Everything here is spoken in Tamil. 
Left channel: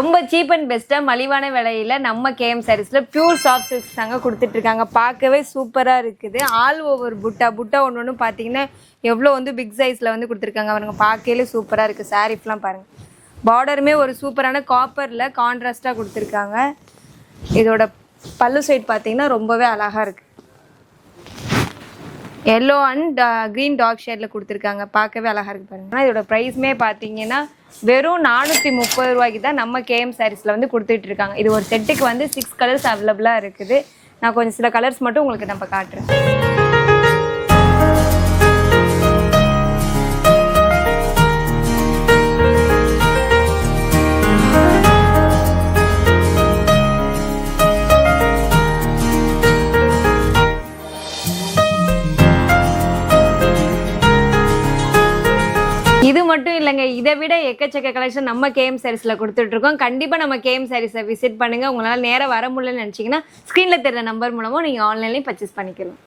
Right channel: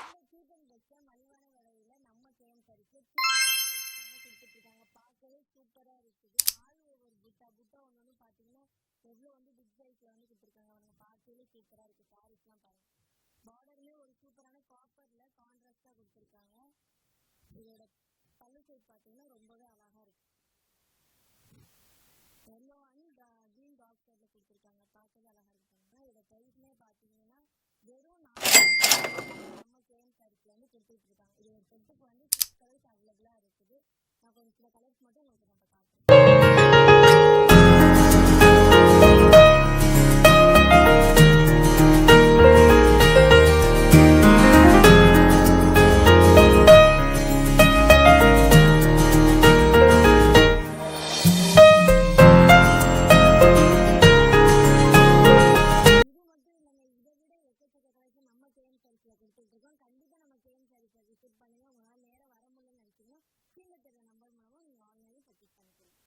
ரொம்ப சீப் அண்ட் பெஸ்ட்டாக மலிவான விலையில் நம்ம கேஎம் சாரீஸில் பியூர் சாஃப்ட் சில்க்ஸ் தாங்க கொடுத்துட்ருக்காங்க. பார்க்கவே சூப்பராக இருக்குது. ஆல் ஓவர் புட்டா ஒன்று ஒன்று பார்த்தீங்கன்னா எவ்வளோ வந்து பிக் சைஸில் வந்து கொடுத்துருக்காங்க. அவனுங்க பார்க்கவே சூப்பராக இருக்குது. சாரீஸ்லாம் பாருங்கள். பார்டருமே ஒரு சூப்பரான காப்பரில் கான்ட்ராஸ்ட்டாக கொடுத்துருக்காங்க. இதோட பல்லு சைட் பார்த்தீங்கன்னா ரொம்பவே அழகாக இருக்குது. எல்லோ அண்ட் க்ரீன் டார்க் ஷேடில் கொடுத்துருக்காங்க. பார்க்கவே அழகாக இருக்குது பாருங்கள். ஆனால் இதோட ப்ரைஸுமே பார்த்தீங்கன்னா வெறும் 430 ரூபாய்க்கு தான் நம்ம கேஎம் சாரீஸில் வந்து கொடுத்துட்ருக்காங்க. இது ஒரு செட்டுக்கு வந்து 6 கலர்ஸ் அவைலபிளாக இருக்குது. நான் கொஞ்சம் சில கலர்ஸ் மட்டும் உங்களுக்கு நம்ம காட்டுறேன். இது மட்டும் இல்லைங்க, இதை விட எக்கச்சக்க கலெக்ஷன் நம்ம கேஎம் சாரீஸில் கொடுத்துட்ருக்கோம். கண்டிப்பாக நம்ம கேஎம் சாரீஸை விசிட் பண்ணுங்கள். உங்களால் நேராக வர முடியலன்னு நினச்சிங்கன்னா ஸ்க்ரீனில் தெரிகிற நம்பர் மூலமாக நீங்கள் ஆன்லைன்லேயும் பர்ச்சேஸ் பண்ணிக்கலாம்.